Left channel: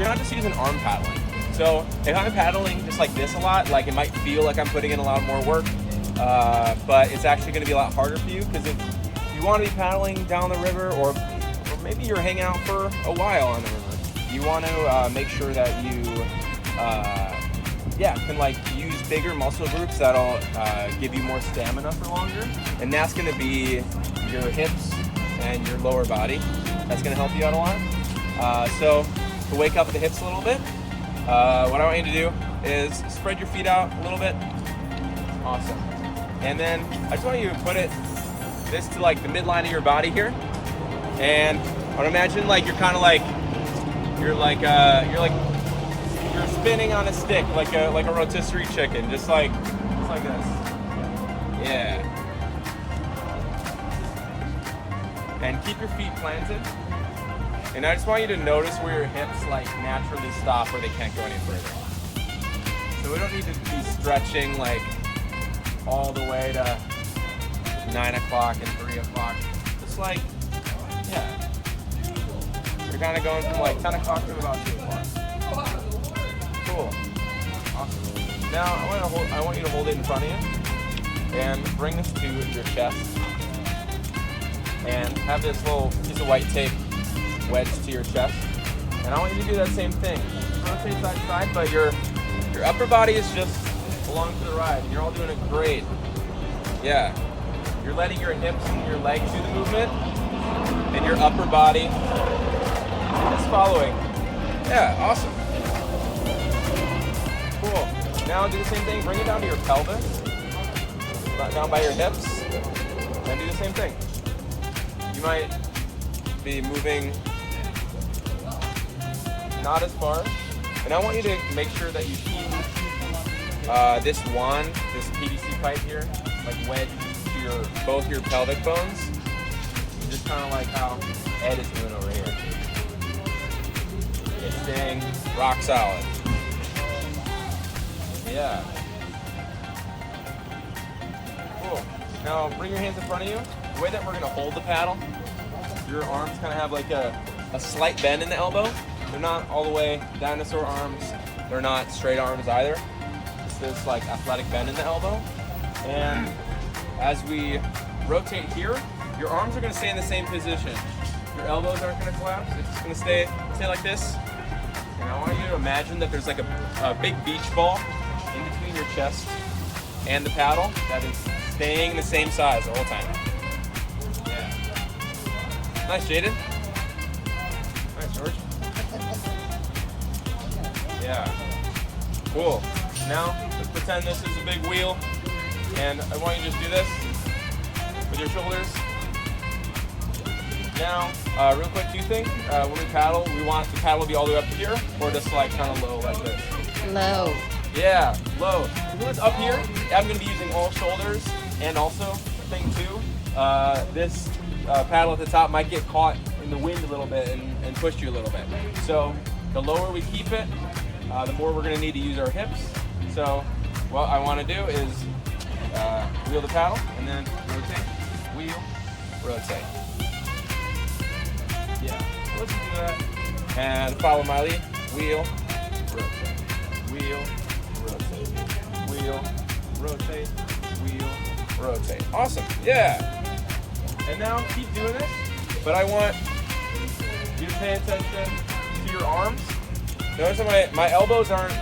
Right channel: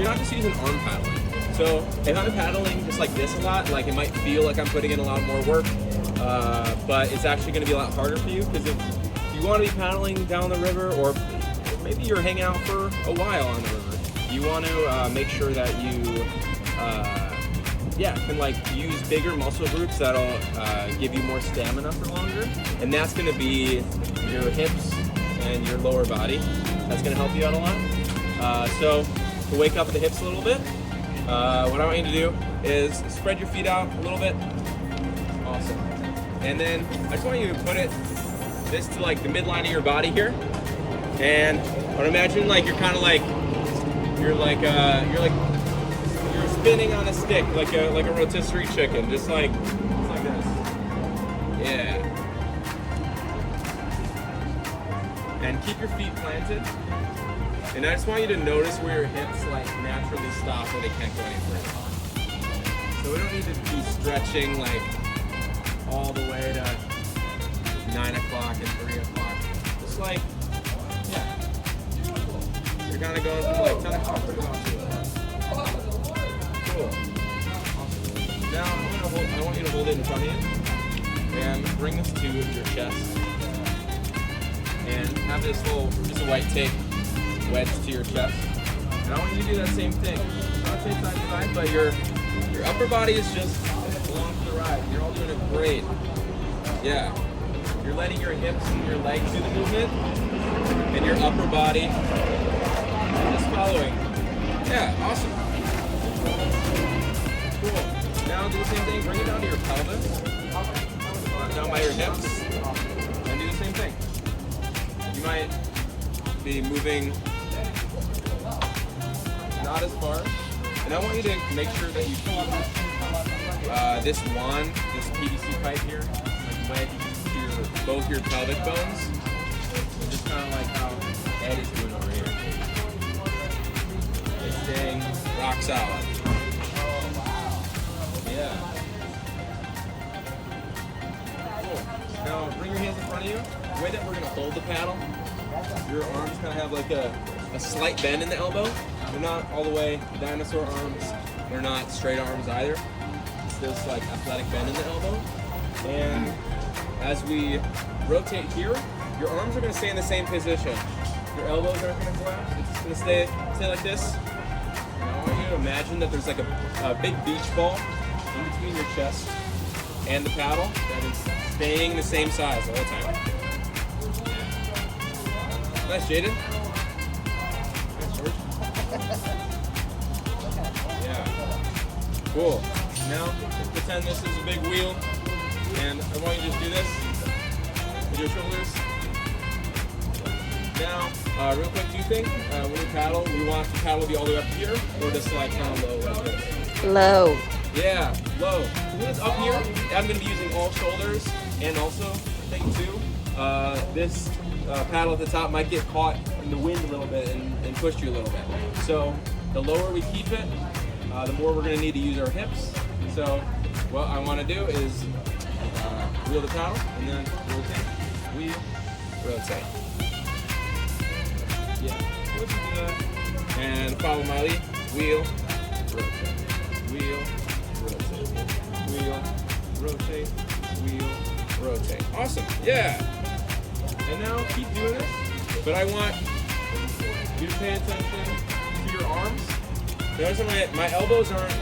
you're not just using arm paddling. So if I'm paddling just like this a lot, like it might feel like I'm putting in a lot more work, but it's actually going to be a lot harder for you, because if you want to be paddling down the river, or maybe you're hanging out for a while on the river, you want to make sure that you can like use bigger muscle groups that'll give you more stamina for longer, and that's going to be your hips and your lower body. That's going to help you out a lot. So to wake up the hips a little bit, what I want you to do is spread your feet out a little bit. Awesome. And then I just want you to put this to like the midline of your body here. And I want to imagine like you're kind of like you're spinning on a stick like a rotisserie chicken, just like this. Yeah. And keep your feet planted. And I just want you to notice where your hips like naturally stop, where they can't go any further. So we don't need to be stretching like all the way to 9 o'clock and 3 o'clock. Just like, yeah. You're kind of going from like 10 o'clock to about 2 o'clock. Cool. Awesome. Now I want you to hold it in front of you and bring this to your chest. And have this little piece of white tape wedged to your chest. And I want you to do that same thing. Not side to side, but your upper body is just along for the ride. You're all doing it great. Yeah. You're letting your hips and your legs do the movement, and your upper body is just following. Yeah, awesome. Cool. Now do the same thing. Bring it down to your pelvis, down by your hips, and do the same thing. You might be moving not as far, and I want you to make sure that you keep this wand, this PVC pipe here, like wedged to both your pelvic bones, just kind of like how Ed is doing over here. It's staying rock solid. Yeah. Cool. Now bring your hands in front of you. The way that we're going to hold the paddle, your arms kind of have like a slight bend in the elbow. They're not all the way dinosaur arms. They're not straight arms either. It's this like athletic bend in the elbow. And as we rotate here, your arms are going to stay in the same position. Your elbows aren't going to collapse. It's just going to stay like this. And I want you to imagine that there's like a big beach ball in between your chest and the paddle that is staying the same size the whole time. Yeah. Nice, Jaden. Nice, George. Yeah. Cool. Now, let's pretend this is a big wheel, and I want you to just do this with your shoulders. Now, real quick, do you think when we paddle, we want the paddle to be all the way up here, or just like kind of low like this? Low. Yeah, low. When it's up here, I'm going to be using all shoulders, and also, the thing too, this paddle at the top might get caught in the wind a little bit and push you a little bit. So, the lower we keep it, the more we're going to need to use our hips. So, what I want to do is wheel the paddle, and then rotate, wheel, rotate. Yeah, let's do that. And follow my lead. Wheel, rotate, wheel, rotate, wheel, rotate, wheel, rotate. Awesome, yeah. And now keep doing this, but I want you to pay attention to your arms. Notice that my elbows aren't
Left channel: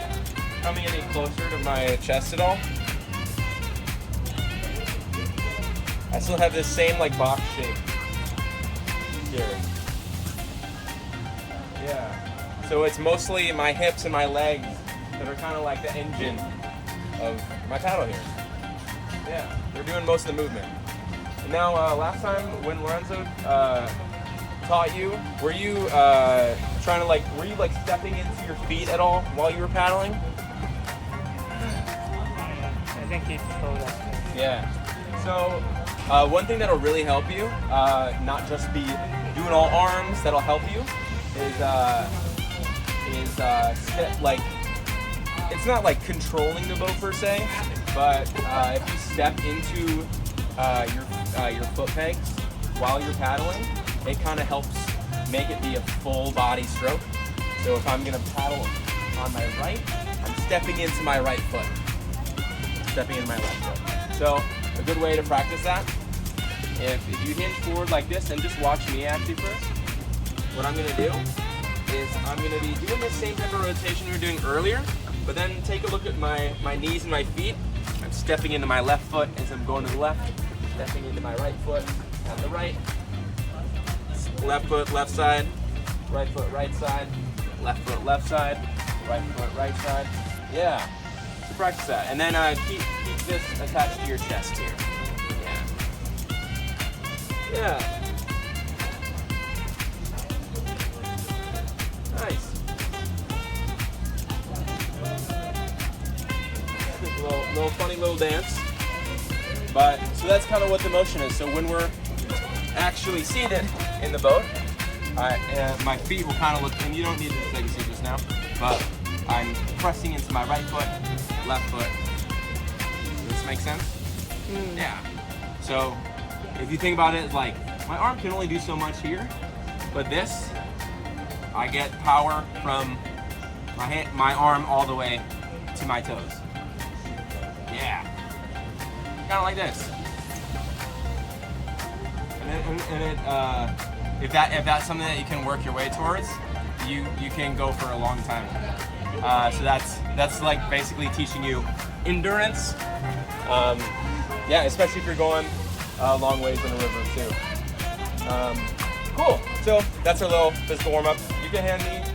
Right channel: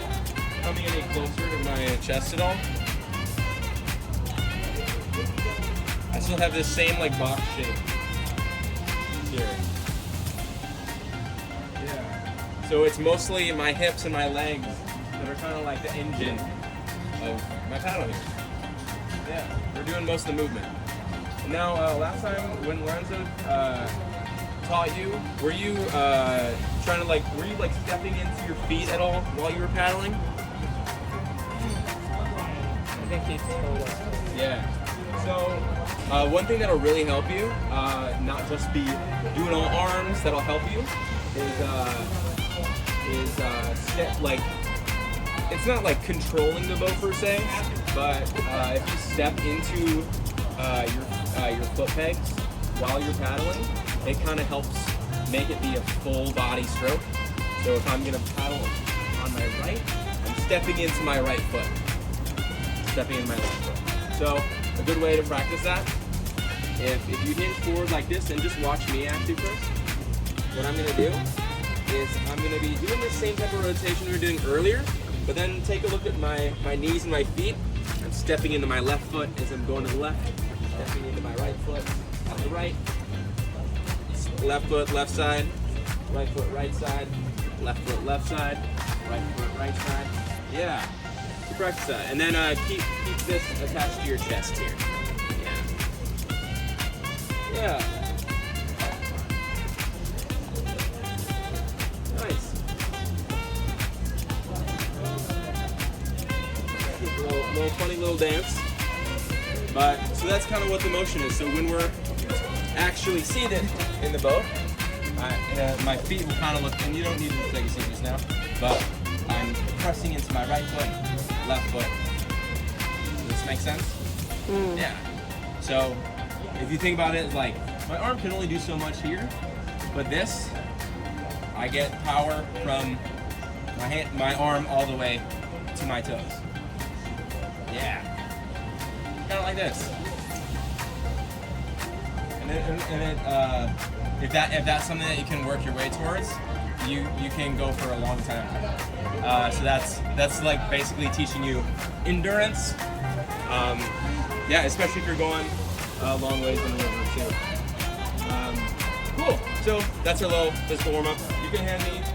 coming any closer to my chest at all. I still have this same like box shape here. Yeah. So it's mostly my hips and my legs that are kind of like the engine of my paddle here. Yeah, they're doing most of the movement. And now, last time when Lorenzo taught you, were you were you stepping into your feet at all while you were paddling? I think he told us. Yeah. So, one thing that'll really help you, not just be doing all arms, that'll help you, is it's not like controlling the boat per se, but if you step into your foot pegs while you're paddling, it kind of helps make it be a full body stroke. So So if I'm gonna paddle on my right, I'm stepping into my right foot. Stepping into my left foot. So a good way to practice that, if you hinge forward like this, and just watch me actually first, what I'm gonna do is I'm gonna be doing the same type of rotation we were doing earlier, but then take a look at my knees and my feet. I'm stepping into my left foot as I'm going to the left, stepping into my right foot on the right, left foot, left side, right foot, right side, left foot, left side, right foot, right side. Yeah, practice that. And then keep this attached to your chest here. Yeah. Yeah. Nice. Little funny little dance. But so that's kind of what the motion is. So when we're actually seated in the boat, my feet will kind of look, and you don't need to take a seat just now, but I'm pressing into my right foot, left foot. Does this make sense? Yeah. So if you think about it, like my arm can only do so much here, but this, I get power from my arm all the way to my toes. Yeah. Kind of like this. And if that's something that you can work your way towards, you can go for a long time. So that's like basically teaching you endurance. Yeah, especially if you're going long ways in the river too. Cool. So that's our little physical warm up. You can hand me